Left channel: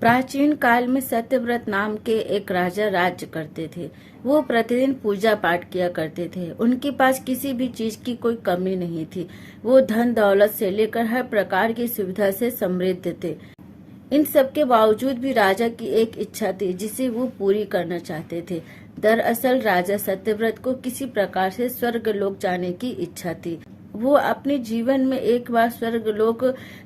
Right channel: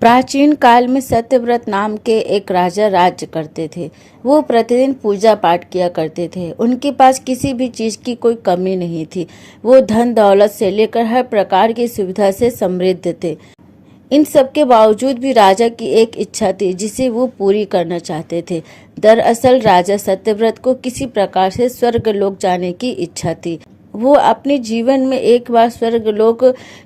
प्राचीन काल में सत्यव्रत नाम के एक राजा राज्य करते थे। वो प्रतिदिन पूजा पाठ किया करते थे। उनके पास किसी भी चीज की कोई कमी नहीं थी। वो धन दौलत से लेकर हर प्रकार की सुविधा से समृद्ध थे। इन सब के बावजूद भी राजा की एक इच्छा थी जिसे वो पूरी करना चाहते थे। दरअसल राजा सत्यव्रत को किसी प्रकार से स्वर्गलोक जाने की इच्छा थी। वो अपने जीवन में एक बार स्वर्गलोक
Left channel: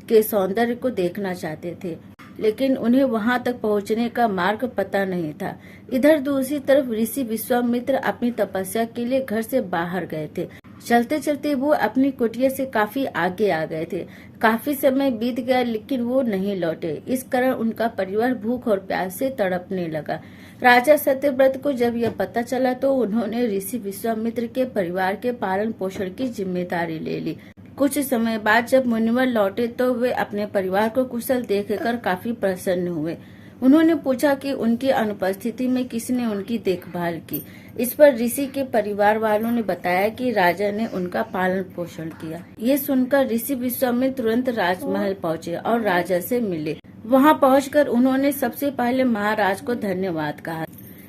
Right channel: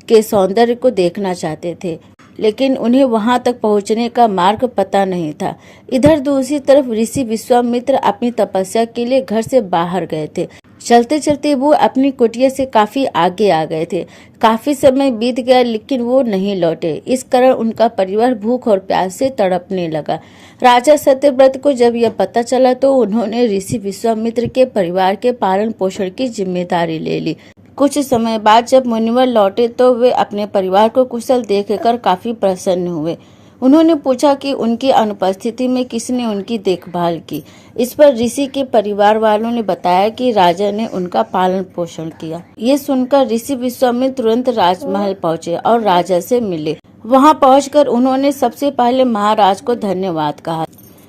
के सौंदर्य को देखना चाहते थे, लेकिन उन्हें वहां तक पहुंचने का मार्ग पता नहीं था। इधर दूसरी तरफ ऋषि विश्वामित्र अपनी तपस्या के लिए घर से बाहर गए थे। चलते चलते वो अपनी कुटिया से काफी आगे आ गए थे। काफी समय बीत गया लेकिन वो नहीं लौटे। इस कारण उनका परिवार भूख और प्यास से तड़पने लगा। राजा सत्यव्रत को जब यह पता चला तो उन्होंने ऋषि विश्वामित्र के परिवार के पालन पोषण की जिम्मेदारी ले ली। कुछ समय बाद जब मुनिवर लौटे तो वे अपने परिवार को कुशल देखकर काफी प्रसन्न हुए। उन्होंने पूछा कि उनकी अनुपस्थिति में किसने उनकी देखभाल की। इस पर ऋषि के परिवार वालों ने बताया कि राजा ने उनका पालन पोषण किया। ये सुनकर ऋषि विश्वामित्र तुरंत राजमहल पहुंचे और राजा से मिले। वहां पहुंचकर उन्होंने सबसे पहले महाराज को धन्यवाद कहा।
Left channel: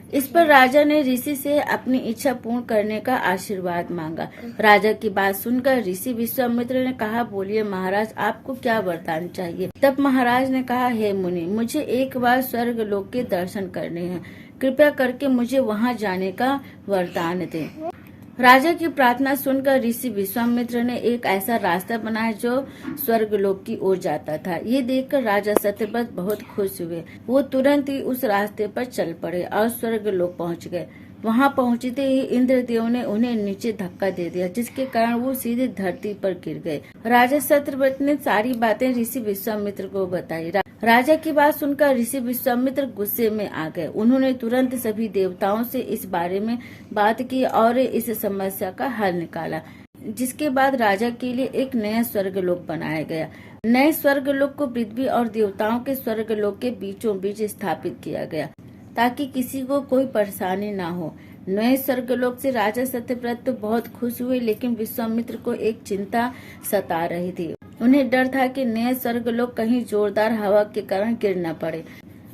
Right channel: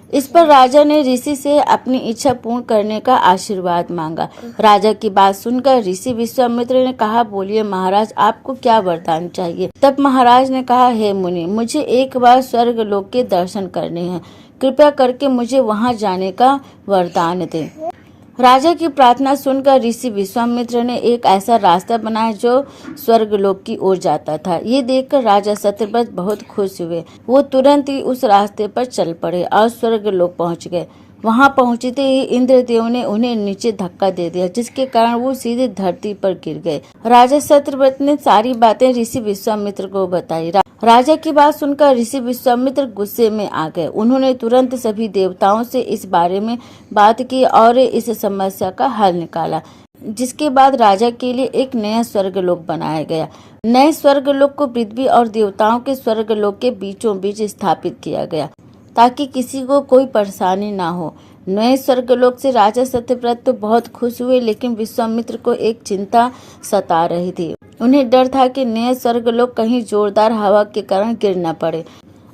इस पर राजा ने ऋषि से अपनी इच्छा पूर्ण करने का आशीर्वाद मांगा। राजा की बात सुनकर ऋषि विश्वामित्र ने कहा, बोलिए महाराज, आपको क्या वरदान चाहिए। तब महाराज ने कहा, हे मुनि, मुझे एक बार स्वर्गलोक के दर्शन करने हैं। कृपया करके मुझे वहां जाने का वरदान दें। राजा की प्रार्थना सुनकर ऋषि विश्वामित्र ने एक ऐसा रास्ता बनाया जो स्वर्गलोक की ओर जाता था। ये देखकर राजा सत्यव्रत बहुत खुश हुए। वो तुरंत ही उस रास्ते पर चल पड़े और स्वर्गलोक पहुंच गए। वहां पहुंचते ही इंद्रदेव ने उन्हें नीचे धक्का दे दिया, जिसके कारण वो सीधे धरती पर गिर गए। राजा सत्यव्रत ने सारी बातें ऋषि विश्वामित्र को बताई। राजा की बात सुनकर ऋषि विश्वामित्र गुस्से में आ गए। उन्होंने तुरंत सभी देवताओं से इस बारे में बात की और इस समस्या का हल निकाला, जिसके बाद राजा के लिए एक नया स्वर्गलोक बनाया गया। नए स्वर्गलोक को पृथ्वी और देवताओं के स्वर्गलोक के बीचों बीच स्थापित किया गया ताकि किसी को कोई परेशानी ना हो। नए स्वर्गलोक से राजा सत्यव्रत तो बहुत खुश हुए, लेकिन विश्वामित्र को एक चिंता सता रही थी। उन्हें डर था कि नए स्वर्गलोक कहीं जोरदार हवा के कारण गिर न पड़े।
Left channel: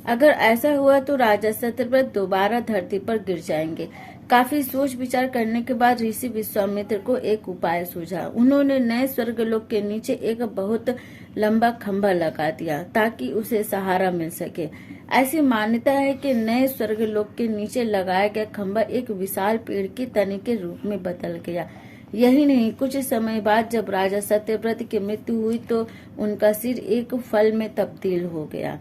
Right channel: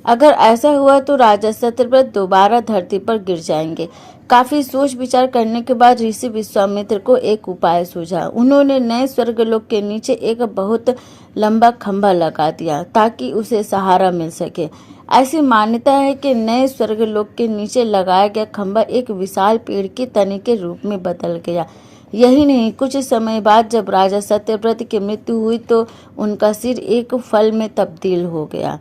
अगर ऐसा हुआ तो राजा सत्यव्रत दोबारा धरती पर गिर जाएंगे। काफी सोच विचार करने के बाद ऋषि विश्वामित्र को एक उपाय सूझा। उन्होंने नए स्वर्गलोक के नीचे एक बहुत लंबा खंभा लगा दिया ताकि उसे सहारा मिल सके। ऐसी मान्यता है कि नए स्वर्गलोक के नीचे लगाया गया खंभा एक विशाल पेड़ की तने के रूप में बदल गया। यही नहीं, कुछ समय बाद जब राजा सत्यव्रत की मृत्यु हुई तो उनका सिर एक फल में तब्दील हो गया।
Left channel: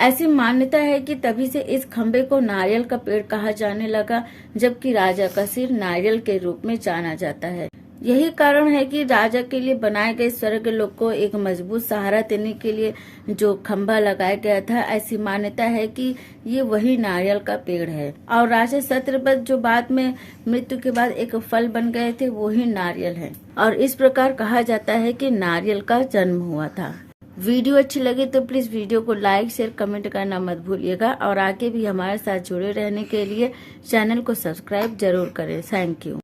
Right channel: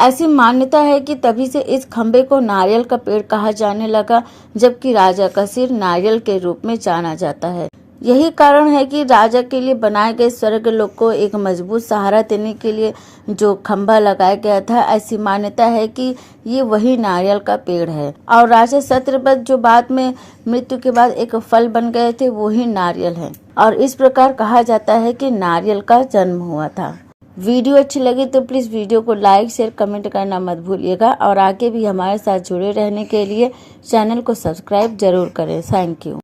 ऐसी मान्यता है कि तभी से इस खंबे को नारियल का पेड़ कहा जाने लगा, जबकि राजा का सिर नारियल के रूप में जाना जाता है। यही कारण है कि राजा के लिए बनाए गए स्वर्गलोक को एक मजबूत सहारा देने के लिए जो खंभा लगाया गया था, ऐसी मान्यता है कि ये वही नारियल का पेड़ है। और राजा सत्यव्रत जो बाद में मृत्यु के बाद एक फल बन गए थे, वही नारियल है। और इस प्रकार कहा जाता है कि नारियल का जन्म हुआ था। वीडियो अच्छी लगी तो प्लीज वीडियो को लाइक शेयर कमेंट करना मत भूलिएगा और आगे भी हमारे साथ जुड़े रहने के लिए चैनल को सब्सक्राइब जरूर करें। Thank you.